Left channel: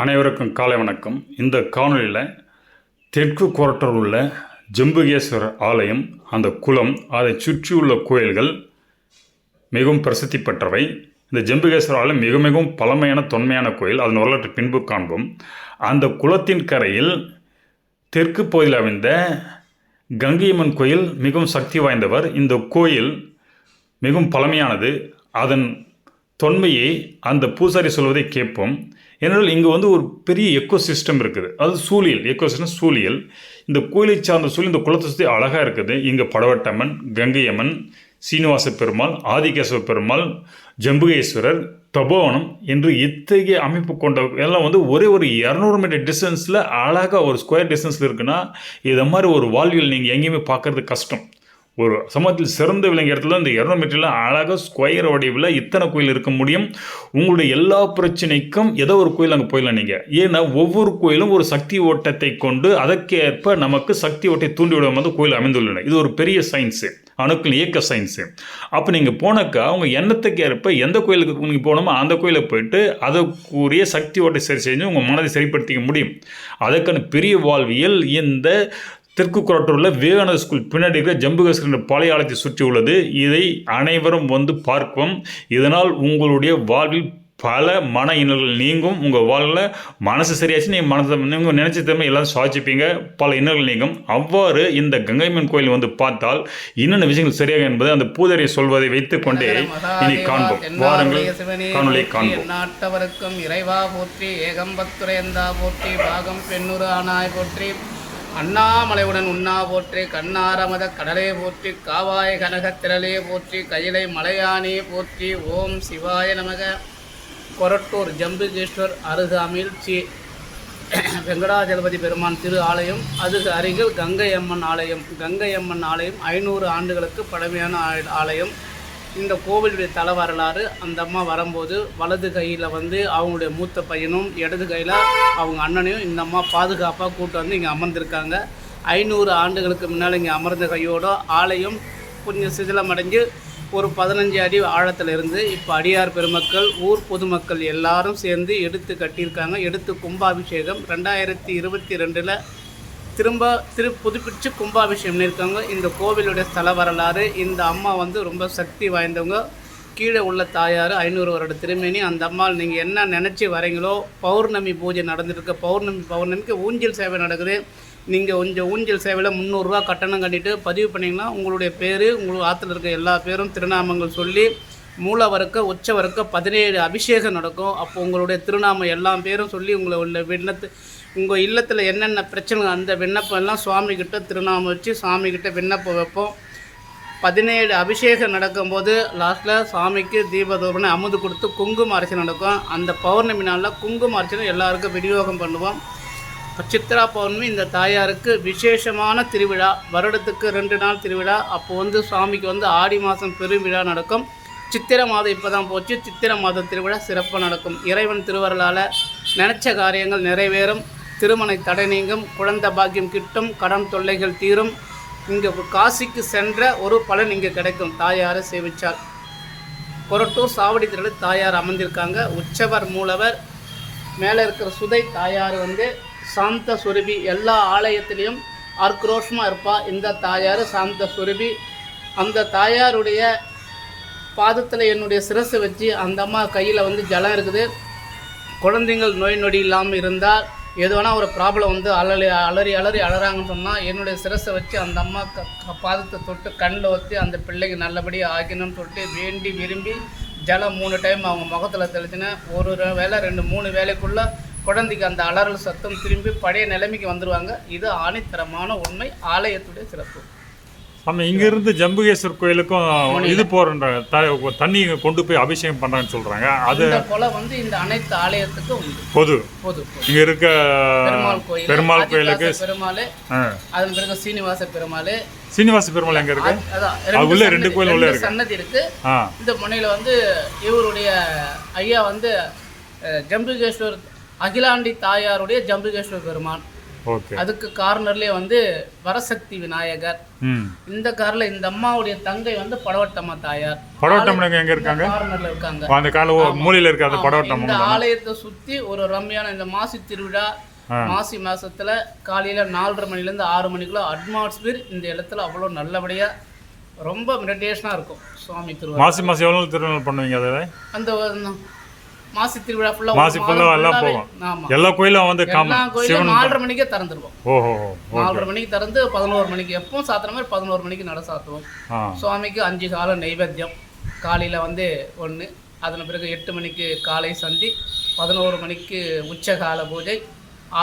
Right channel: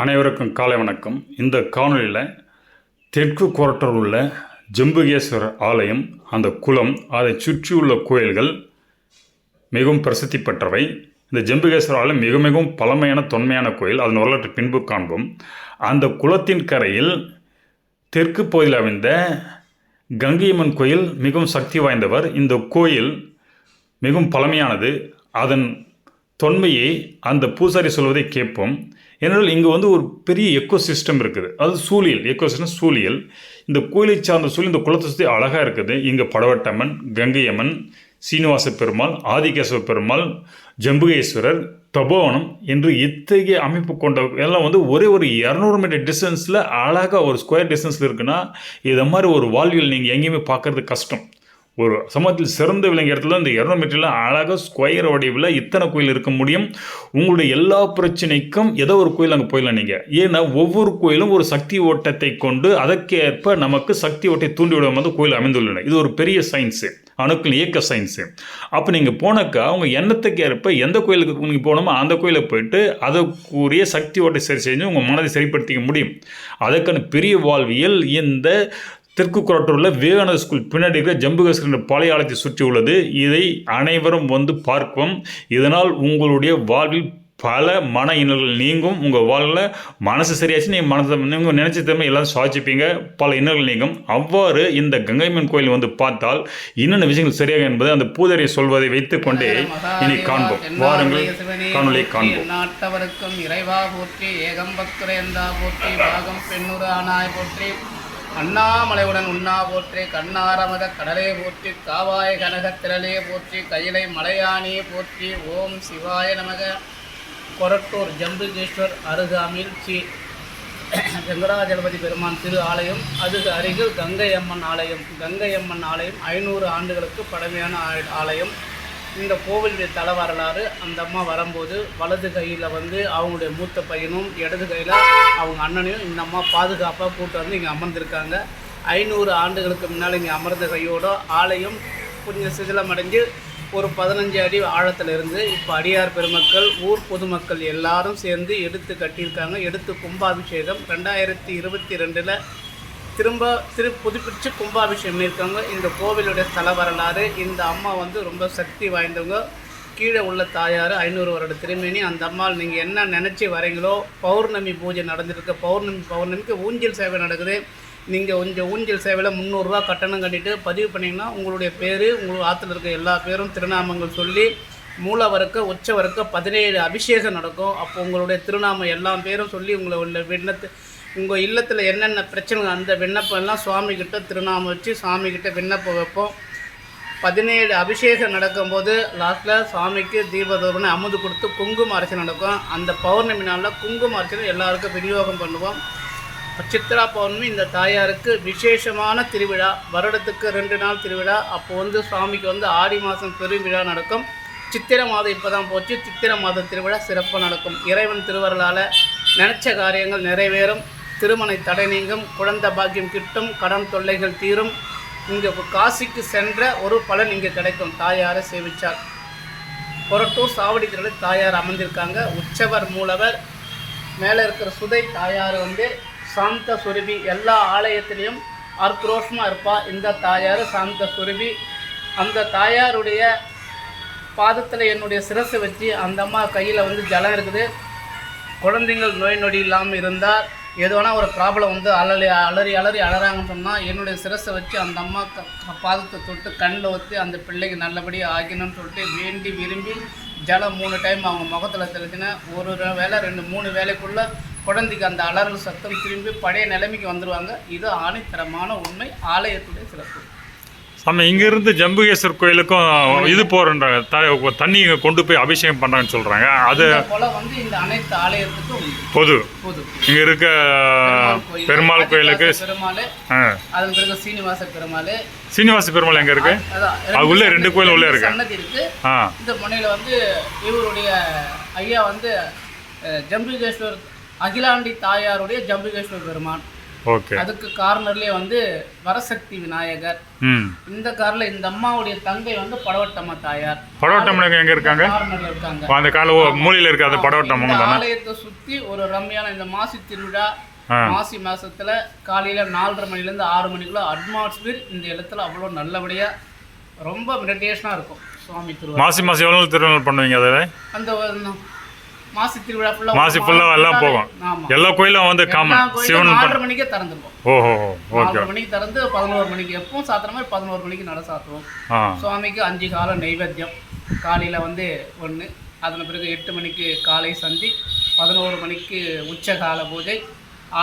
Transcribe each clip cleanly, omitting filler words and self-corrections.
அனைவருக்கும் காலை வணக்கம். இந்த காணொலியில் தெற்கு கொரட்டூர் உள்ள ஜம்புகேஸ்வரர் ஆலயம், அந்த குளம், அதை சுற்றியுள்ள கோயில்கள் மிகவும் பிரசித்தி பெற்றவை. இந்த ஜம்புகேஸ்வரர் ஆலயம் மிகவும் பழமையான தொன்மையான கோயில். அதன் வரலாற்று பின்பு காண்போம். அந்த குளத்தின் கரையில் தெற்கு பகுதியில் அமைந்த கங்கையம்மன் கோயில் மிகவும் சக்தி வாய்ந்தவர். இந்த கோயில் மிகவும் பழமையானது. அதன் தொன்மையை அந்த பூசாரி சொல்வதை கேட்போம். ஏனென்றால் இங்கே ஒரு பெரிய எக்கோசிஸ்டம் இருக்குது. அது சூழியல், எக்கோசிஸ்டம் சூழியல். இந்த கோயிலை சார்ந்த சூழல் இந்த குளத்தை சுற்றி அழகாக இருக்குது. இங்கே படவட்டம்மன், கங்கையம்மன், சீனிவாச பெருமாள், ஆதிகேசவ பெருமாள், ஜம்புகேஸ்வரர், தபோவனம் என்று இத்தகைய அமைப்பு கொண்ட எல்லாம் ஒரே ஒரு 200 மீட்டர் டிஸ்டன்ஸில் அழகாக ஒரு ஸ்கொயர் டிஸ்டன்ஸில் இருக்குன்னா, இதை மாதிரி ஒரு வாழ்வியல் நீங்கள் எங்கேயுமே பார்க்கறது கஷ்டம். ஒரு சமூகத்தில் சிறந்த விளங்கிய இடத்துல இந்த 200 மீட்டரில் அழகாக ஸ்கொயர் வடிவில் இத்தனை கோயில் இருக்க முடியும். உங்களுடைய எல்லா பிரச்சனைக்கும் ஏதோ ஒரு கோயில் அங்கே போயிடலாம் நீங்கள். ஏன்னா ஒவ்வொரு கோயிலும் ஒரு சக்தி ஓட்டத்தை கொண்டு அதற்கேற்ப நமக்கு சக்தி ஓட்டை தூண்டிவிடும் வந்து கோயில் அமைந்துள்ளன. இது ஒரு பெரிய சயின்ஸு, அணுக்கள் இயக்க சயின்ஸு. அப்போ நீங்கள் போனாக்கா அவங்க எண்ணத்துக்கு ஏற்ப எந்த கோயிலுக்கு நீங்கள் போகணுமோ அந்த கோயிலை போயிட்டு அதற்குரிய சக்தி ஓட்டை சரி செஞ்சு உங்கள் மனதை சரிப்படுத்திக்க முடியும். அதற்கான பெரிய வாழ்வியல் இந்த தெற்கு கொரட்டூரில் விவேகானந்த ஸ்கூல் பின்னாடி இருக்கிற ஜம்புகேஸ்வரர் பழைய ஆலயத்தை சுற்றி உள்ளது. இதை அனைவரும் பார்ப்போம். இதனால் உங்களுடைய வாழ்வில் பல மன இன்னல்கள் நீங்கும். உங்கள் வாழ்வில் மனசு சரியாச்சு நீங்கள் நினைச்ச தன்மை எல்லாரும் சுவாசிப்பீங்க. பல இன்னல்கள் நீங்கும். அவ்வாறு இந்த கங்கையம்மன் கோயில் பார்த்தால் என்னென்ன விஷயங்கள் சரியாக என்பது அந்த பூஜாரியை சொல்வதை வைத்துக்கொண்டே இனி காண்போம். வாருங்கள், காணொலியை காண்போம். நாட்டவருக்கும் இறைவா போற்றி, ஏகம்பத்துரையந்தா போற்றி, பாகம் பெண்ணுறு ஆனாய் போற்றி, அண்ணாமலையுடன் உண்ணா போற்றி, கண்ணாரமத கடலே போற்றி, காவாய கனக திரளே போற்றி, கையிலை மலையானே போற்றி. ஓம் சிவாய நமக. கொரட்டூர் ஜம்புகேஸ்வர் அருகாமையில் ஸ்ரீ வெங்கடாஜலபதி பெருமான் திரு ஆலயம், அது அருகில் கங்கையம்மன் ஆலயம். கங்கையம்மன் ஆலயம் 500 ஆண்டுகளுக்கு பழமையான ஆலயம். இந்த கோவிலுடைய தல வரலாறு, அந்த அம்மா வரும்போது வலது கையில் அவங்களுடைய மூத்த பையனும் இடது கையில் அவங்க அண்ணனையும் இந்த அம்மா பாதுகாப்பாக கூட்டு இங்கே அமர்ந்திருக்காங்க. 500 ஆண்டுகளுக்கு முன்னால் இங்கே அமர்ந்த கையோட ஆலயம் கொஞ்சம் சிதிலமடைஞ்சு ஒரு 15 அடி ஆழத்தில் இருந்து இப்போ அடியார் பெருமக்கள், ஊர் பொதுமக்கள் எல்லாரும் சேர்ந்து எடுத்து கட்டியிருக்காங்க. எடுத்து கும்பாபிஷேகம் 2022 திரும்ப புதுப்பிச்சு கும்பாபிஷேகம் பண்ணியிருக்காங்க. இந்த கோவிலுடைய தல வரலாறு, இந்த அம்மா ரொம்ப சக்தி வாய்ந்தவங்க. கீழே உள்ள தாயார் 500 வருட திருமேனி. அந்த அம்மாள் நீங்கள் என்ன நினச்சி வரீங்களோ, பௌர்ணமி பூஜை நடந்துருக்கு. பௌர்ணமிக்கு ஊஞ்சல் சேவை நடக்குது. நீங்கள் கொஞ்சம் ஊஞ்சல் சேவையில் 300 ரூபா கட்டணம் கட்டிட்டு பதிவு பண்ணிங்கன்னா உங்களுடைய பேர், உங்களுக்கு ஆற்றுல இருக்க எல்லா பேரும் திருநாமங்கள் சொல்லி மூலவருக்க உச்சவருக்க 17 அபிஷேகம் நடக்கும். அப்போ உங்களுடைய திருநாமம் எல்லா பேரும் சொல்லி உங்களை உள்ள உங்கள் இல்லத்தில் என்னென்ன பிரச்சனை அந்த விண்ணப்பம் எல்லாம் சுவாமிகிட்ட திருநாமம் வச்சு சாமிகிட்ட விண்ணப்பம் வைப்போம். 17 அபிஷேகம் நடக்கும்போது லாஸ்ட்டில் சாமிக்கு தீபதோரணை அமுது கொடுத்து குங்கும அர்ச்சனை நடக்கும். அந்த பௌர்ணமி நாளில் குங்கும அர்ச்சனை எல்லாருக்கும் விநியோகம் பண்ணுவோம். சித்ரா பௌர்ணமி இந்த தாயாருக்கு விசேஷமான திருவிழா. வருடத்துக்கு 2 நாள் திருவிழா. அப்போ சுவாமிக்கு ஆடி மாதம் பெருவிழா நடக்கும். சித்திரை மாதம் இப்போ தான் போச்சு. சித்திரை மாத திருவிழா சிறப்பாக நடக்கும். இறைவன் திருவருளால் நினச்ச காரியங்கள் நிறைவேறும். திருமண தடை நீங்கும். குழந்தை பாக்கியம் கிட்டும். கடன் தொல்லைகள் தீரும். இங்கே காசிக்கு சென்ற ஒரு பலன் இங்கே கிடைக்கும். தாயாரை சேவிச்சார். கொரட்டூர் சாவடி திருவிழா தாயார் அமர்ந்திருக்காங்க. உற்சவர் மூலவர் மேலே இருக்கிற சுதை தாயார் சாந்த சுரபி. எல்லா ஆலயத்திலையும் ஆக்ரோஷமாக இருப்பா இந்த தாயார் சாந்த சுரபி. அந்த தாயாருடைய பாதத்தில் என்னுடைய சிரசை வச்சு அந்த அம்மா கையில் ஜலம் இருக்குது. குழந்தைங்கள் நோய் நொடி இல்லாமல் இருந்தால் எதுனா ஒரு ப்ராப்ளம் அலறி அலறாங்கன்னு சொன்னால் என்னுடைய சிரசை வச்சு அந்த அம்மா பாதத்தை தொட்டு கண்ணில் ஊற்றி அந்த பிள்ளைக்கு நல்லபடியாக ஆக்கணும்னு சொல்லிட்டு வேண்டி விரும்பி ஜலம் 3 டைம் அவங்க முகத்தில் தெளிச்சுன்னா ஒரு வேளை 2-3 வேலைக்குள்ளே குழந்தைக்கு அந்த அலறல் சத்தம் திரும்பி பழைய நிலைமைக்கு வந்துடுவாங்க. இது ஆணித்தரமான உண்மை, ஆலயத்துடைய சிறப்பு. ஆமாம், இங்கேருந்து ஜம்புகேஸ்வர் கோயிலுக்கும் இது போகிற தண்ணி கொண்டு போய் அபிஷேகம் பண்ணுறாங்கன்னு சொல்கிறாங்க. அது போல் இந்த அனைத்து ஆலயத்துக்கும் பொது இங்கே இருக்க பெருமாள் கோயிலுக்கு பெருமாள், அதன் பிறகு சீனிவாச பெருமாள் எங்கே இருக்கு? அது உள்ள 2 கோயில் உள்ள இருக்கு. சன்னதி இருக்கு. இந்த முனையில் இவருடைய ஐயா ஜம்புகேஸ்வர் அகிலாண்டி தாயாருடைய ஜம்புகேஸ்வர் பெருமான். ஓகே. அதுக்கு கார்னர்லேயே வந்து வரசக்தி விநாயகர். இந்த கார்ல இந்த அம்மாவுடைய தங்கை வந்து படவட்டம்மா தாயார். படவட்டம்மன் எங்க இருக்காங்க? கார்னர்ல இருக்காங்க. அந்த கால மூலையில இருக்க அந்த படவட்டம்மன் தான. ஆலயத்தை சுத்தி ஒரு ரம்மியான இந்த மாசி திருவிழா, மாசி மாசத்துல காலையில 4:30 மணிலேருந்து 6 மணிக்குள்ள அட்மாஸ்பியர் இந்த இடத்துல அவ்வளோ நல்லபடியா ரொம்ப மெடிடேஷனா இருக்கும். சுவாமி திருவிழா மாசி எவ்வளவு திருவிழா பண்ணுவீங்க? அதை அந்த மாசி திருவிழா ஃபுல்லா மாசி ஃபுல்லா எல்லாம் போகும். எல்லா கோயிலும் வந்து காமன் சிவன் 4:30 மணிக்கே திறந்துருவோம். ஓஹோ ஓகே. 4:30 மணிக்கு திறந்து 11 மணிக்கு எப்பவும் சாத்துற மாதிரி 11 மணிக்கு நட சாத்துவோம். சுவாமிக்கு 5 காலம் நைவேத்தியம். காலையில வந்து 1, அதன் பிறகு 8 மணிக்கு காலை சந்தி, 11 மணிக்கு உச்சகால பூஜை,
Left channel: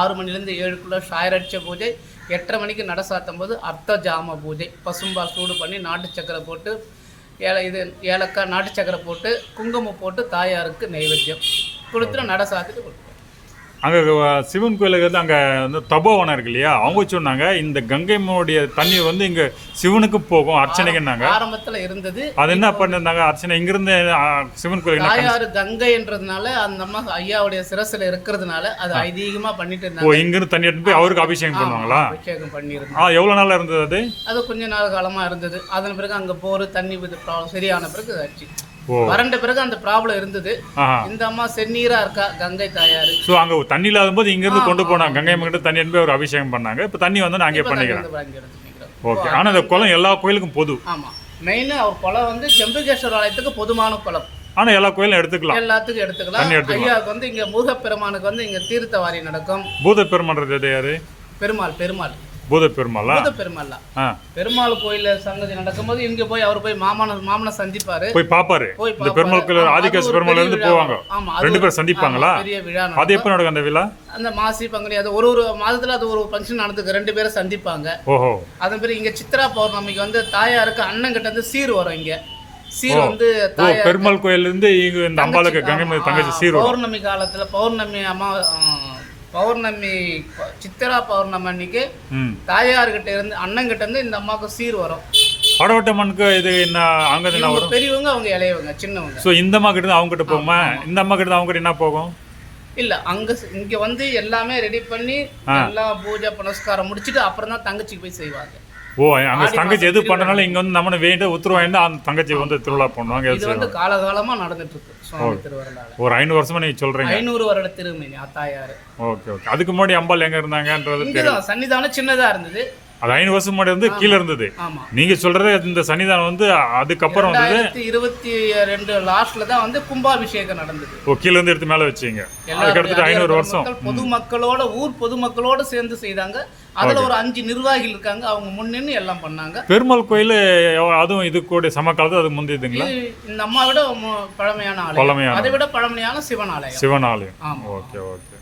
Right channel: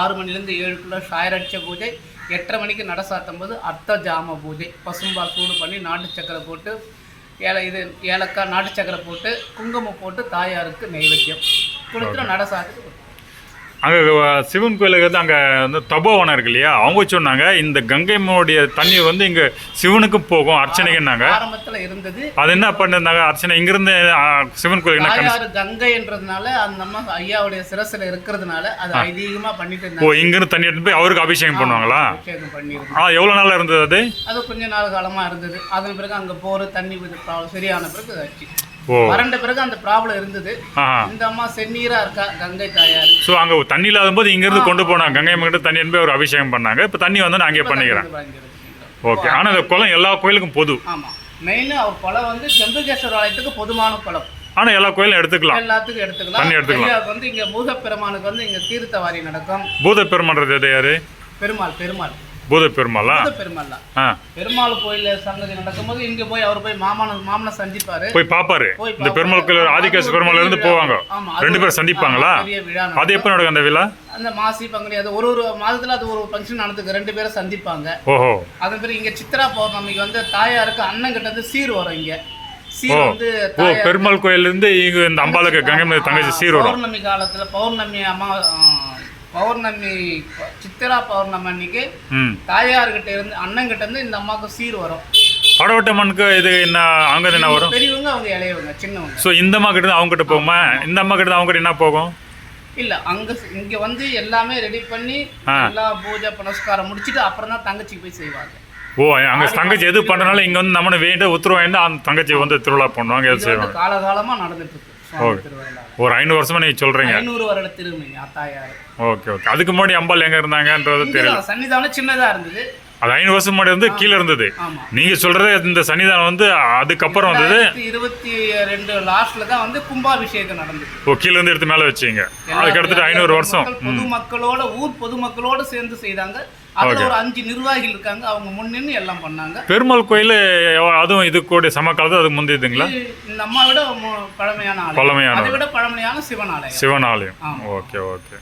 6 மணிலேருந்து 7க்குள்ள சாயரட்ச பூஜை, 8:30 மணிக்கு நட சாத்தும் போது அர்த்த ஜாம பூஜை. பசும்பால் சூடு பண்ணி நாட்டு சக்கரை போட்டு ஏலக்காய் நாட்டு சக்கரை போட்டு குங்குமம் போட்டு தாயாருக்கு நைவேத்தியம் கொடுத்துட்டு நட சாத்துட்டு அங்கே சிவன் கோயிலுக்கு வந்து அங்கே வந்து தபோவனம் இருக்கு இல்லையா, அவங்க சொன்னாங்க இந்த கங்கைம்மனுடைய தண்ணீர் வந்து இங்கே சிவனுக்கும் போகும் அர்ச்சனைக்குன்னாங்க. ஆரம்பத்தில் இருந்தது. அது என்ன பண்ணிருந்தாங்க அர்ச்சனை இங்கிருந்து சிவன் கோயிலுக்கு தாயார் கங்கைன்றதுனால அந்த அம்மா ஐயாவுடைய சிரசில் இருக்கிறதுனால அது அதிகமாக பண்ணிட்டு இருந்தாங்க. ஓ, இங்கிருந்து தண்ணி எடுத்து போய் அவருக்கு அபிஷேகம் பண்ணுவாங்களா? அபிஷேகம் பண்ணிருந்தாங்க. எவ்வளோ நாளாக இருந்தது அது? அது கொஞ்ச நாள் காலமாக இருந்தது. அதன் பிறகு அங்கே போர் தண்ணி சரியான பிறகு ஆச்சு. வறண்ட பிறகு அந்த ப்ராப்ளம் இருந்தது. இந்த அம்மா செந்நீரா இருக்கா கங்கை தாயார். ஸோ அங்கே தண்ணி இல்லாத போது இங்கிருந்து கொண்டு போனாங்க கங்கை அம்மா தண்ணி எடுத்து ஒரு அபிஷேகம் பண்ணாங்க. இப்போ தண்ணி வந்து நான் அங்கே பண்ணிக்கிறேன். ஓகே. ஆனால் இந்த குளம் எல்லா கோயிலுக்கும் பொது. ஆமாம், மெயின் அவர் குளம் வந்து செம்புகேஸ்வரர் ஆலயத்துக்கு பொதுவான குளம். ஆனால் எல்லா கோயிலும் எடுத்துக்கலாம், எல்லாத்துக்கும் எடுத்துக்கலாம். தண்ணி எடுத்துக்கலாம். வந்து இங்கே பூதப்பெருமானுக்கு வந்து இங்கே தீர்த்தவாரி நடக்கும். பூதப்பெருமான்றது யாரு? பெருமாள் பூதப்பெருமாளா? பெருமாள் கோயில சங்கதி நடக்கும்போது இங்க போய் அவர் போய் மாமனை சந்திப்பாரு, போய் பாப்பாரு. இந்த பெருமாள் கோயில் ஆதிகேச பெருமாள் இருந்து போவாங்க, 2 பேரும் சந்திப்பாங்களா? அது எப்ப நடக்கும் அந்த விழா? அந்த மாசி பங்குனி அது ஒரு மாதத்துல அது ஒரு ஃபங்க்ஷன் நடந்துக்கு 2 பேரும் சந்திப்பாங்க. ஓஹோ. அதன் பிறகு இங்க சித்ரா பௌர்ணமிக்கு வந்து தாயாருக்கு அண்ணன் கிட்ட இருந்து சீர் வரும். இங்க சீர் வந்து பெருமாள் கோயில இருந்து இங்க இந்த அம்பாளுக்கு கங்கை தங்கச்சி சீர் வரும். பௌர்ணமி காலத்துல பௌர்ணமி சித்திரா பௌர்ணமி அன்னைக்கு தாயார்கிட்ட இருந்து அண்ணங்கிட்ட இருந்து இந்த அம்மாவுக்கு சீர் வரும். படவட்டம்மனுக்கு இது என்ன அங்க என்ன வரும்? பெரியவங்க அவங்க இளையவங்க சின்னவங்க. ஸோ இந்த அம்மா கிட்ட அவங்க கிட்ட போகுமா? இந்த அம்மா கிட்ட அவங்க கிட்ட என்ன போகும்? இல்ல இங்க வந்து எல்லாமே ரெடி பண்ணி எல்லா பூஜை புனஸ்காரம் முடிச்சுட்டு அப்புறம் தான் தங்கச்சிக்கு போய் செய்வாங்க. ஓ, அங்க தங்கச்சி எது பண்றனால இங்க வந்து நம்ம வேண்ட உத்தரவு வேண்ட அந்த தங்கச்சி வந்து திருவிழா பண்ணுவாங்க, எது செய்வாங்க. காலகாலமா நடந்துட்டு இருக்கு. ஒரு 500 வருஷமா நீங்க சொல்றீங்க. 500 வருட திருமணி தாயார். Okay okay. அதுக்கு முன்னாடி அம்பாள் எங்க இருந்தாங்கன்றது தெரியல. சன்னிதானம் சின்னதா இருந்தது. அது 500 வருஷம் முன்னாடி வந்து கீழே இருந்தது. நீங்க சொல்றது இந்த சன்னிதானம் வந்து அதுக்கப்புறம் வந்தது 22 லாஸ்ட்ல தான் வந்து கும்பாபிஷேகம் நடந்தது. ஓ, கீழே இருந்து எடுத்து மேல வச்சீங்க. அதுக்கு அடுத்து 500 வருஷம் பொதுமக்களோட பொதுமக்களோட சேர்ந்து செய்தாங்க. அதுல ஒரு 5 நிர்வாகிகள் இருக்காங்க, அவங்க முன்னின்னு எல்லாம் பண்ணாங்க. பெருமாள் கோயில் அதுவும் இது கூட சமகாலத்து அது முந்தியதுங்களா? இந்த அம்மா விட பழமையான ஆலயம், அதை விட பழமையான சிவன் ஆலயம். ஓகே ஓகே,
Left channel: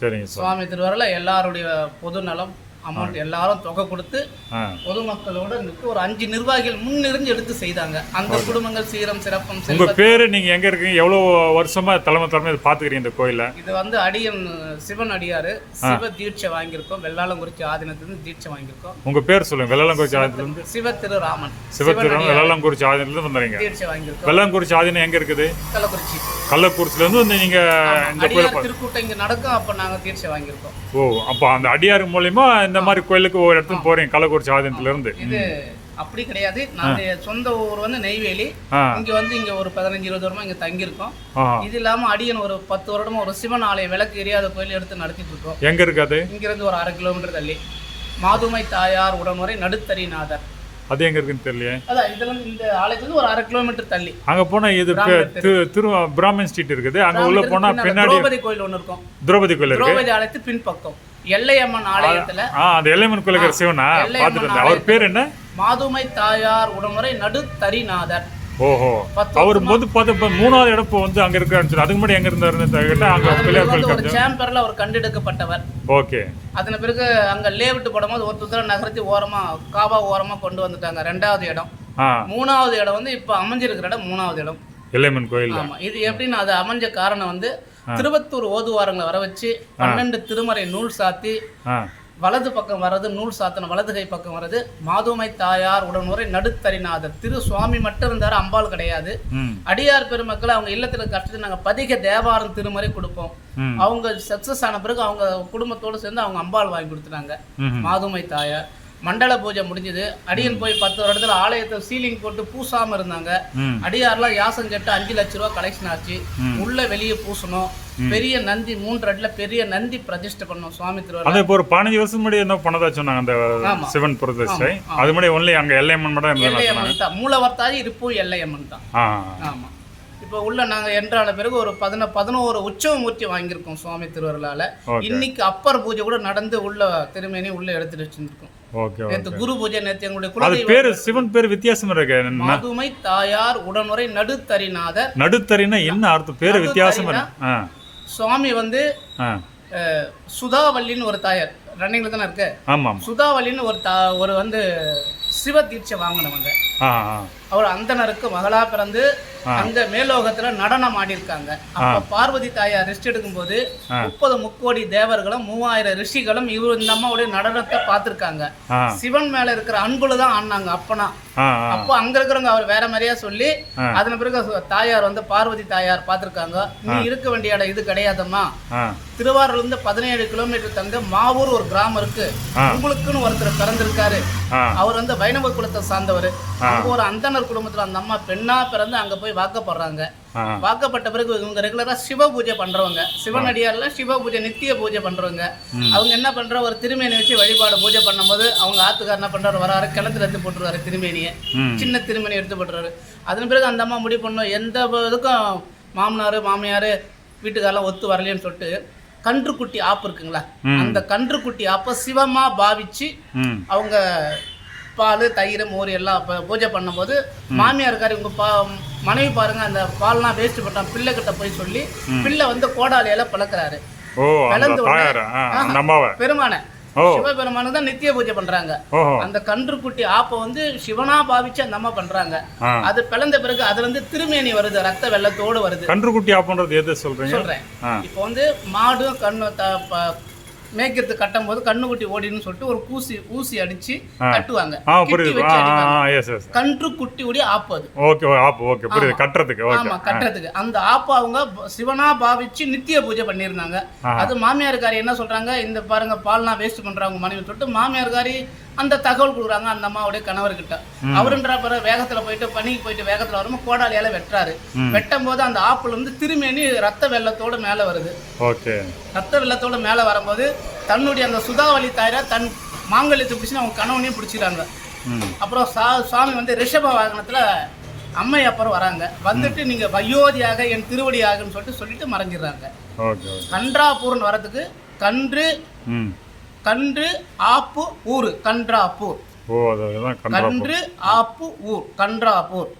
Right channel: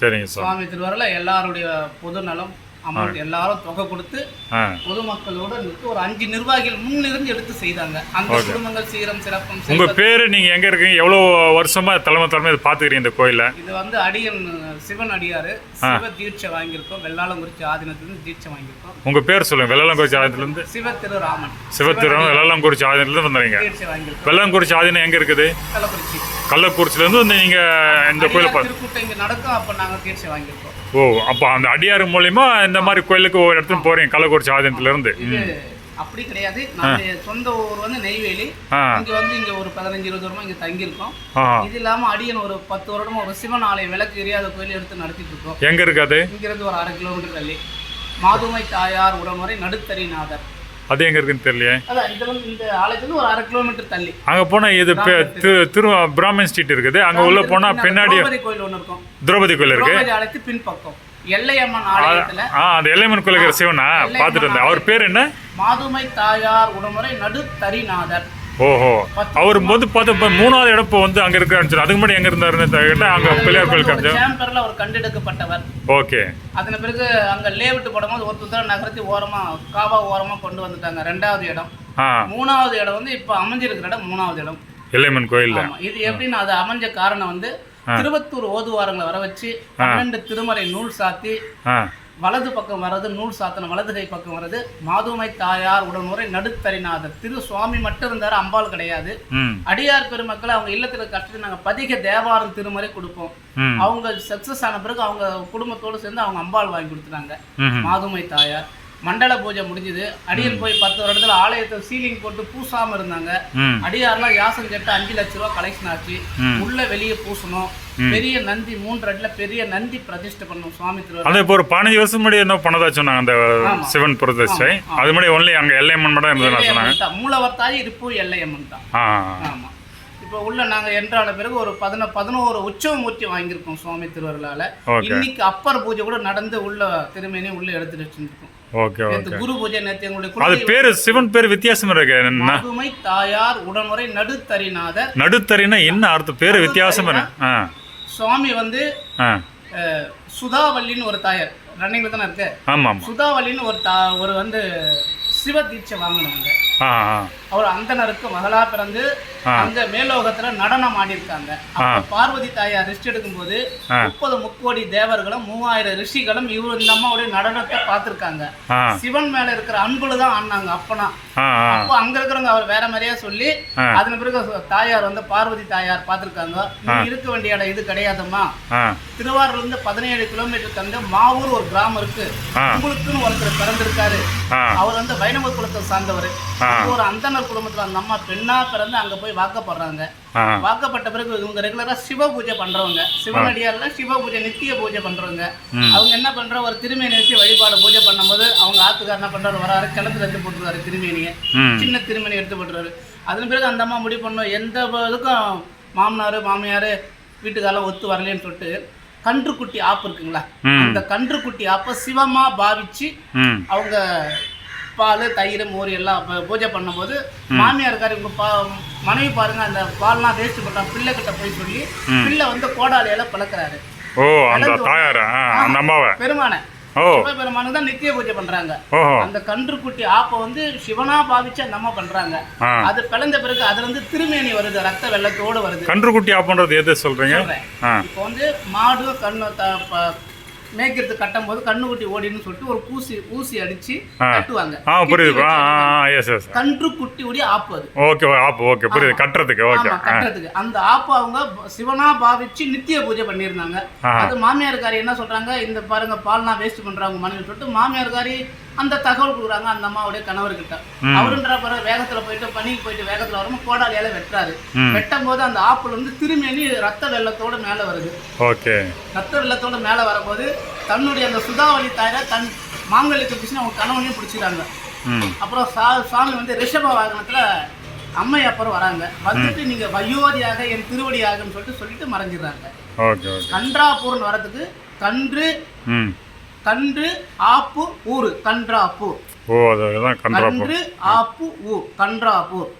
சரிங்க சார். சுவாமி திருவாரூர்ல எல்லாருடைய பொது நலம் அமௌண்ட் எல்லாரும் தொகை கொடுத்து பொதுமக்களோட ஒரு 5 நிர்வாகிகள் முன்னிருந்து எடுத்து செய்தாங்க. அந்த குடும்பங்கள் சீரம் சிறப்பும். உங்க பேரு, நீங்க எங்க இருக்கீங்க, எவ்வளவு வருஷமா தலைமை பாத்துக்கிறீங்க இந்த கோயில? இது வந்து அடியன் சிவன் அடியாரு சிவ தீட்சை வாங்கியிருக்கோம். வெள்ளாளங்குறிச்சி ஆதீனத்திலிருந்து தீட்சை வாங்கியிருக்கோம். உங்க பேர் சொல்லுங்க. வெள்ளாளங்குறிச்சி ஆதீனத்துல இருந்து சிவத்திரு வெள்ளாளங்குறிச்சி ஆதீனத்துல இருந்து வந்தீங்க. தீட்சை வாங்கியிருக்கோம். வெள்ளாளங்குறிச்சி ஆதீனம் எங்க இருக்குது? கள்ளக்குறிச்சில இருந்து வந்து நீங்க இந்த கோயில திருக்கூட்டம் இங்க நடக்கும், அப்ப நாங்க தீட்சை வாங்கியிருக்கோம். ஓ, அப்ப அந்த அடியார் மூலியமா இந்த மாதிரி கோயிலுக்கு ஒரு இடத்துல போறீங்க கள்ளக்குறிச்சி ஆதீனத்துல இருந்து? அப்படி கிடையாது. நாங்க சொந்த ஊர் வந்து நெய்வேலி. இங்க வந்து இங்க ஒரு 15-20 வருமா இங்க தங்கி இருக்கோம். இது இல்லாம அடியன் ஒரு 10 வருடமா ஒரு சிவன் ஆலய விளக்கு எரியாத கோயில் எடுத்து நடத்திட்டு இருக்கோம். எங்க இருக்காது? இங்க இருந்து ஒரு 1/2 கிலோமீட்டர் தள்ளி மாதுமை தாயார் உடனுரை நடுத்தரிநாதர். அது எங்க இருக்குன்னு தெரியலையே. அதான் இதுல இந்த ஆலயத்துல ஒரு 1/2 கிலோமீட்டர் தள்ளி. அங்க போனா இது பிராமன் ஸ்ட்ரீட் இருக்குது. அங்க உள்ள போனா பின்னாடி திரௌபதி கோயில் ஒன்னு இருக்கும். திரௌபதி கோயில் இருக்கு. திரௌபதி ஆலயத்து பின்பக்கம் எல்லையம்மன் ஆலயத்துல. அந்த எல்லையம்மன் கோயிலுக்கு இருக்கிற சிவனா பாத்துட்டு வந்தேன். அவர் பேர் என்ன? மாதுமை தாயார் உடனுரை நடுத்தரிநாதர். ஓஹோ, அவர் வந்து பார்த்து 3வது இடம் இப்போ வந்து அங்க இருக்க ஆரம்பிச்சாரு. அதுக்கு முன்னாடி எங்க இருந்தாருன்னு அங்க பிள்ளையார் கோயில் காமிச்சாங்க. சேம்பர்ல அவர் கண்டெடுக்கப்பட்டவர். ஓகே. அதன பிறகு அங்க லேவிட்டு போடும்போது ஒருத்தர் நகரத்தி ஓரமா காவா ஓரமா கொண்டு வந்துட்டாங்க. 2வது இடம். 3வது இடம் வந்து இப்ப அமைஞ்சிருக்கிற இடம் 3வது இடம் எல்லையம்மன் கோயில்ல. இது எப்படின்னு அது அமைஞ்ச காரணம் வந்து திருவத்தூர் ஓதுவாரங்களை வர வச்சு 12 திருமறை நூல் சாத்தி வலது பக்கம் வர்றது நூல் சாத்தன வலது கை பக்கம் வர்றது மாதுமை தாயார் உடனுரை நடுத்தரிநாதர். திரு சுவாமி மட்டும் இருந்தாரு, அம்பாள் கிடையாது. அடியார் பெருமக்கள் அவங்க இல்லத்துல கஷ்டத்துக்கு நாங்க பதிக தேவாரம் திருமுறை கொடுப்போம். அவங்க சக்சஸ் ஆன பிறகு அவங்க குடும்பத்தோடு சேர்ந்து அவங்க அம்பாள் வாங்கி கொடுத்துட்டாங்க மாதுமை தாயார். மண்டல பூஜை முடிஞ்சது. அடியில் போய் 10 வருடத்துல ஆலயத்தை சீலிங் போட்டு பூசாம இருந்தாங்க. அடியார்லாம் யாசம் கேட்டு 5 லட்ச ரூபா கலெக்ஷன் ஆச்சு. உள்ள வெளியே பூசணும். பெரிய நந்தி 3 அடியில பெரிய நந்தி பிரதிஷ்டை பண்ணோம் சுவாமி திருவாரூர். அது இப்போ ஒரு 15 வருஷம் முன்னாடி என்ன பண்ணதா சொன்னாங்க அந்த சிவன் பிரதிஷ்டை. அது முன்னாடி ஒன்லி அங்க எல்லையம்மன் மட்டும் இருந்ததுன்னு சொன்னாங்க. மூலவர்த்தாய் இருப்பு எல்லையம்மன் தான். ஆமா. இப்போ உள்ள நாங்க என்றால பிறகு ஒரு 11 உற்சவமூர்த்தி வாங்கியிருக்கோம் சுவாமி திருவாரூர்ல. இன்னைக்கு அப்பர் பூஜை கூட நடந்து உள்ள திருமேனி உள்ள எடுத்துட்டு வச்சிருக்கோம். Okay okay. குரு பூஜை நேத்து எங்களுடைய அது பேரு சிவன் பேர் வித்தியாசம் இருக்கு. மாதுமை தாயார் உடனுரை நடுத்தரிநாதர். நடுத்தரினா என்ன அர்த்தம்? பேரு வித்தியாசம் என்ன? சுவாமி வந்து சுதாவல்லின்னு ஒரு தாயார் ரன்னிங்ல தானே இருக்கு. ஆமா. சுதாவல்லின்னு ஒரு வந்து சிவ தீட்சை வாங்கினவங்க. அவர் அந்தனருக்கு மகளா பிறந்து அந்த மேலோகத்துல நடனம் ஆடி இருக்காங்க. பார்வதி தாயார் ரெஸ்ட் எடுக்கும் போது 30 முக்கோடி தேவர்களும் 3000 ரிஷிகளும் இவர் இந்த அம்மாவுடைய நடனத்தை பார்த்திருக்காங்க. சிவன் மேல இருக்கிற அன்புலதான் ஆடினாங்க. அப்பனா அப்போ அங்க இருக்கிறவங்க அவர் வேற மாதிரியா சொல்லி அதன் பிறகு தாயார் வந்து பார்வதி தாயார் பார்த்திருக்காங்க. நீ இருக்க வேண்டிய இடம் இது கிடையாதும்மா. திருவாரூர்ல இருந்து 17 கிலோமீட்டர் தந்து மாவூர் ஒரு கிராமம் இருக்கு. உங்களுக்குன்னு ஒருத்தர் பிறந்திருக்காரு. அவர் வந்து வைணவ குலத்தை சார்ந்தவர். ஒரு அந்தனர் குடும்பத்துல அந்த அம்மா பெண்ணா பிறந்து அங்க போய் வாக்கப்படுறாங்க. வாக்கப்பட்ட பிறகு இவங்க ரெகுலரா சிவ பூஜை பண்றவங்க. சிவனடியார்ல சிவ பூஜை நித்திய பூஜை பண்றவங்க. அவங்க என்ன பண்ற ஒரு திருமேனி வச்சு வழிபாடு பூஜை பண்ணும்போது அவங்க ஆத்துக்கார் என்ன பண்றாரு, வராரு கிணத்துல எடுத்து போட்டுருவாரு திருமேனியை. சின்ன திருமேனி எடுத்து போட்டுருவாரு. அதன் பிறகு அந்த அம்மா முடிவு பண்ணும் எந்த இதுக்கும் மாமனாரு மாமியாரு வீட்டுக்காரெல்லாம் ஒத்து வரலன்னு சொல்லிட்டு கன்றுக்குட்டி ஆப்பு இருக்குங்களா, அந்த கன்றுக்குட்டி ஆப்ப சிவமா பாவிச்சு அவங்க பால் தயிர் மோர் எல்லாம் பூஜை பண்ணும்போது மாமியாருக்காரு இவங்க மனைவி பாருங்க அந்த பால்லாம் வேஸ்ட் பண்றாங்க பிள்ளை கிட்ட போய் சொல்லி பிள்ளை வந்து கோடாலையில பழக்கிறாரு. பெருமான சிவபெருமானுக்கு தான் நித்திய பூஜை பண்றாங்க. அந்த கன்றுக்குட்டி ஆப்ப வந்து சிவனா பாவிச்சு அந்த அம்மா பண்றாங்க. அது பிளந்த பிறகு அதுல இருந்து திருமேனி வருது, ரத்த வெள்ளத்தோடு வருது. கன்றுக்குட்டி ஆப்பன்றது எதை சொல்றீங்க? இப்போ வந்து மாடு கண்ணு மேய்க்கிறது கட்டும் போது கண்ணுக்குட்டி ஓடின்னு சொல்லிட்டு ஒரு ஊசி அடிச்சு கட்டுவாங்க. கன்றுக்குட்டி உடைய ஆப்பு அது. ஓகே ஆப்பு. ஓகே புரியுது. கட்டுறதுக்கு. ஓகே கட்டுறதுக்கு அந்த ஆப்பு அவங்க சிவனா பாவிச்சு நித்திய பூஜை பண்ணியிருந்தாங்க. அது மாமியார்காரி என்ன சொல்றாங்க, இந்த பாருங்க பால்னா வேஸ்ட் பண்றாங்க மனைவி சொல்லிட்டு மாமியார்காரி அந்த தகவல் கொடுக்குறாங்க அந்த அம்மாவுடைய கணவர்கிட்ட. அவருன்ற பிறகு வேகத்துல போயிட்டு பணிக்கு போயிட்டு வேகத்துல வரும்போது கோடாலியால வெட்டுறாரு. வெட்டும் போது அந்த ஆப்புல இருந்து திருமேனி ரத்த வெள்ளத்தோட மேல வருது. ஓகே. ரத்த வெள்ளத்தோட மேல வரும்போது தன்னுடைய அந்த சுதாவளி தாயார தன் மாங்கல்யத்தை பிடிச்சு அவங்க கணவனையும் பிடிச்சிட்டாங்க. அப்புறம் சுவாமி வந்து ரிஷப வாகனத்துல அம்மை அப்புறம் வராங்க. வந்துட்டு நீங்க வயோதியாக என் திருவடியாகன்னு சொல்லிட்டு மறைஞ்சிடுறாங்க. கன்றாப்பூர்னு வரதுக்கு கன்று ஆப்பு ஊர் கன்றாப்பூர். கன்று ஆப்பு ஊர் கன்றாப்பூர்.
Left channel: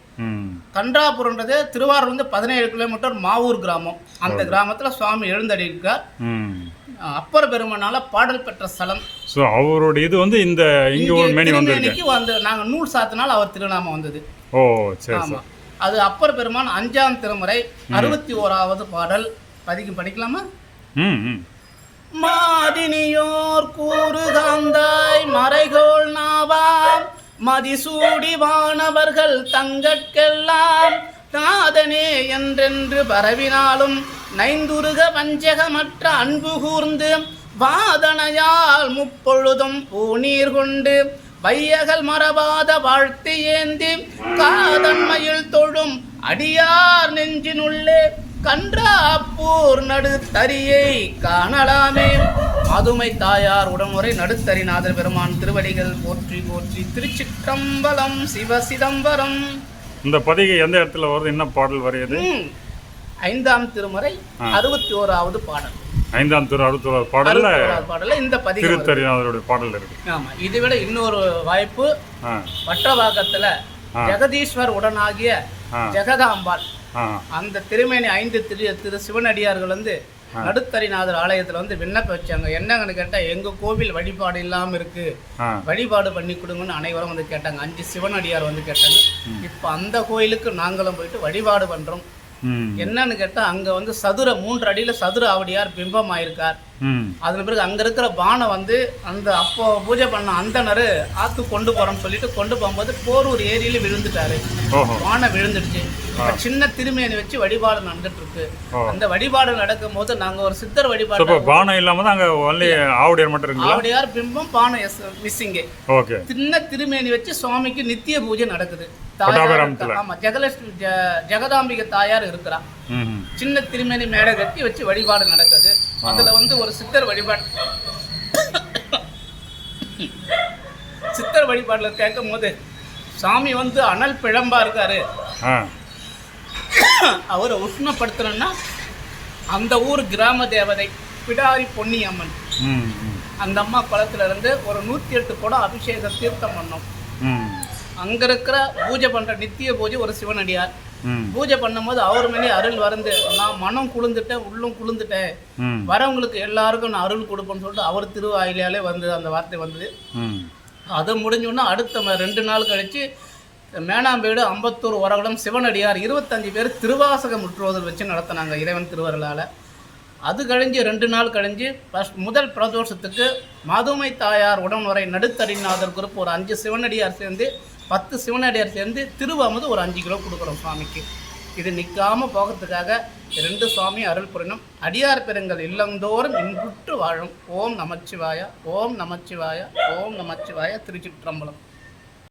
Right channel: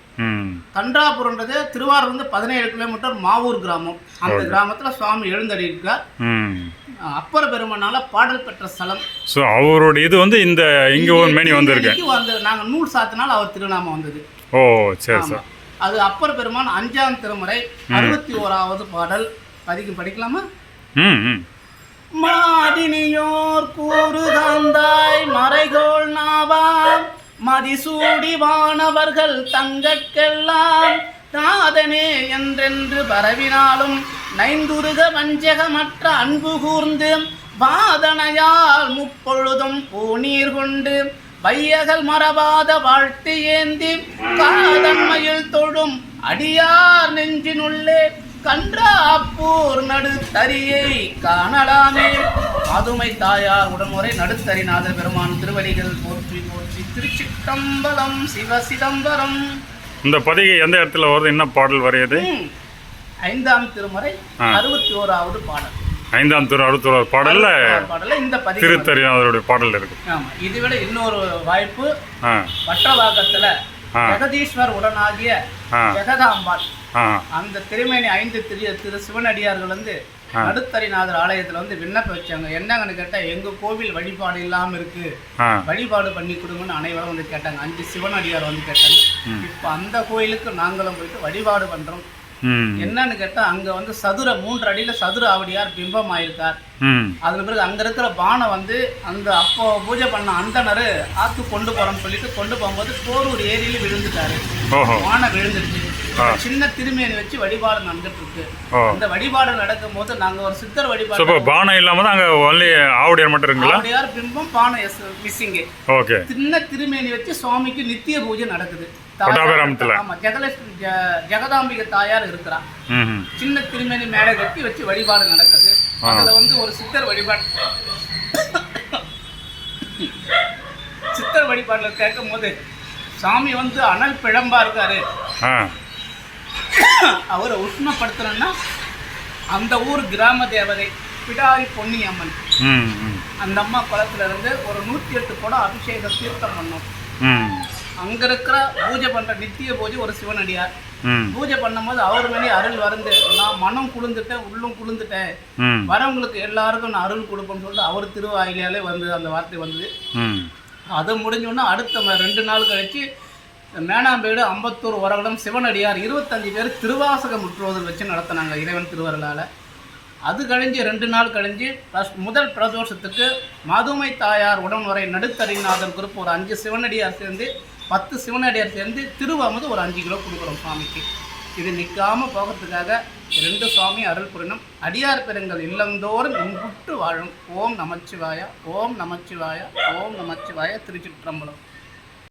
கன்றாப்பூர்ன்றது திருவாரூர்ல 17 கிலோமீட்டர் மாவூர் கிராமம். அந்த கிராமத்துல சுவாமி எழுந்தடி இருக்கார். அப்பர் பெருமானால பாடல் பெற்ற ஸ்தலம். அவருடைய இது வந்து இந்த இங்க ஒரு மேனி வந்திருக்கு. நாங்க நூல் சாத்தினால் அவர் திருநாமம் வந்தது. அது அப்பர் பெருமான் 5ஆம் திருமுறை 61வது பாடல். படிக்கலாமா? மாதினியோர் கூறுகாந்தாய் மறைகோள் நாவாம் மதிசூடி வானவர்கள் தங்கட்கெல்லாம் காதனே என்றென்று பரவினாலும் நைந்துருக வஞ்சகமற்ற அன்பு கூர்ந்து வாதனையால் முப்பொழுதும் பூநீர் கொண்டு வையகல் மரபாத வாழ்த்து ஏந்தி காதன்மையில் தொழும் அடியார் நெஞ்சினுள்ளே கன்றாப்பூர் நடுத்தரியை காணலாமே. மாதுமை தாயார் உடனுரை நடுத்தரிநாதர் பெருமான் திருவடிகள் போற்றி போற்றி. திருச்சிற்றம்பலம். சிவ சிதம்பரம். இந்த பதிகை எந்த இடத்துல வருது? என்ன பாடல் வரையுது? 5ஆம் திருமுறை 61வது பாடல். 5ஆம் திருமுறை 61வது பாடல்ல இந்த பதிகை திருத்தரிநாதருடைய பாடல் இருக்கு. ஆமா. இதுவிட இன்னொரு வாய்ப்பு வட்டவாக்கத்துல ஜெகதீஸ்வர் உடனாகிய ஜெகதாம்பாள் அந்த திருமேனி 5 திரு சிவனடியார்கள் வந்து நடுத்தரிநாதர் ஆலயத்துல வந்து விண்ணப்பம் வச்சாங்க. என்னங்கன்னு கேட்டா எங்க கோவில் வழிபாடு இல்லாம இருக்கு, வழிபாடு பண்ணி கொடுங்கன்னு அனைவரும் வந்து கேட்டாங்க. 5 சிவனடியார் வந்து கேட்டாங்க. இப்ப அந்த கோயிலுக்கு நாங்களும் போயிட்டு வழிபாடு பண்றோம். ம் என்னன்னு கேட்டால் அங்கே வந்து சதுர 3 அடியில் சதுர ஆவடியார் பிம்பம் ஆயிருக்கார். ம் அதன் பிறகு அங்கே இருக்கிற பானை வந்து அந்த அப்போ பூஜை பண்ண அந்தனர் ஆற்று கொண்டு போகிறோம்னு சொல்லிட்டு கொண்டு போகும்போது போரூர் ஏரியில் விழுந்துட்டாரு. ஓஹோ பானை விழுந்துடுச்சு. சின்ன திருமேனி வச்சு வழிபாடு நடந்துட்டு இருக்கு. இந்த வழிபாடு நடக்கும் போது நாங்கள் ஒரு சித்தர் ஸோ வழிபாடு இப்போ பானை இல்லாமல் தான் அங்கே ஒன்லி ஆவுடையார் மட்டும் இருக்குங்களா? ஆவடியார் பிம்பம் பானை மிஸ்ஸிங்கு. ஓகே. சின்ன திருமேனி வச்சு சுவாமிக்கு நித்திய பூஜை நடக்குது. கொட்டாபிராமத்தில். ஆமாம், ஜெகதாம்பிகை தாயார் இருக்கிறா. ம் சின்ன திருமேனி மேடை கட்டி வச்சு வழிபாடு நடக்குது. அதில் வந்து ஒரு சித்தர் வழிபாடு சித்தர் வழிபாட்டில் கேட்கும் போது சாமி வந்து அனல் பிழம்பா இருக்காரு. ஆ அவரை உஷ்ணப்படுத்தணும்னா அந்த ஊர் கிராம தேவதை பிடாரி பொன்னியம்மன், ம் ம் அந்த அம்மா குளத்துல இருந்து ஒரு 108 குடம் அபிஷேகம் தீர்த்தம் பண்ணோம். ம் அங்கே இருக்கிற பூஜை பண்ணுற நித்திய பூஜை ஒரு சிவனடியார். ம் பூஜை பண்ணும்போது அவர் மணி அருள் வந்து நான் மனம் குளிர்ந்துட்டேன், உள்ளும் குளிர்ந்துட்டேன், ம் வரவங்களுக்கு எல்லாருக்கும் நான் அருள் கொடுப்பேன்னு சொல்லிட்டு அவர் திருவாயிலாலே வந்து அந்த வார்த்தை வந்தது. ம் அது முடிஞ்சோன்னா அடுத்த 2 நாள் கழித்து மேனாம்பேடு அம்பத்தூர் உரகடம் சிவனடியார் 25 பேர் திருவாசக முற்றுவதல் வச்சு நடத்தினாங்க இறைவன் திருவருளால். அது கழிஞ்சு 2 நாள் கழிஞ்சு முதல் பிரதோஷத்துக்கு மதுமை தாயார் உடன்வரை நடுத்தறிநாதர் குரூப் ஒரு 5 சிவனடியார் சேர்ந்து 10 சிவனடியார் சேர்ந்து திருவாமது ஒரு 5 கிலோ கொடுக்குறோம் சுவாமிக்கு. இது நிற்காமல் போகிறதுக்காக 2 சுவாமி அருள் புரியணும். அடியார் பெருங்கள் இல்லந்தோறும் இன்புற்று வாழும். ஓம் நமச்சிவாய, ஓம் நமச்சிவாய, ஓம் நமச்சிவாய. திருச்சிற்றம்பலம்.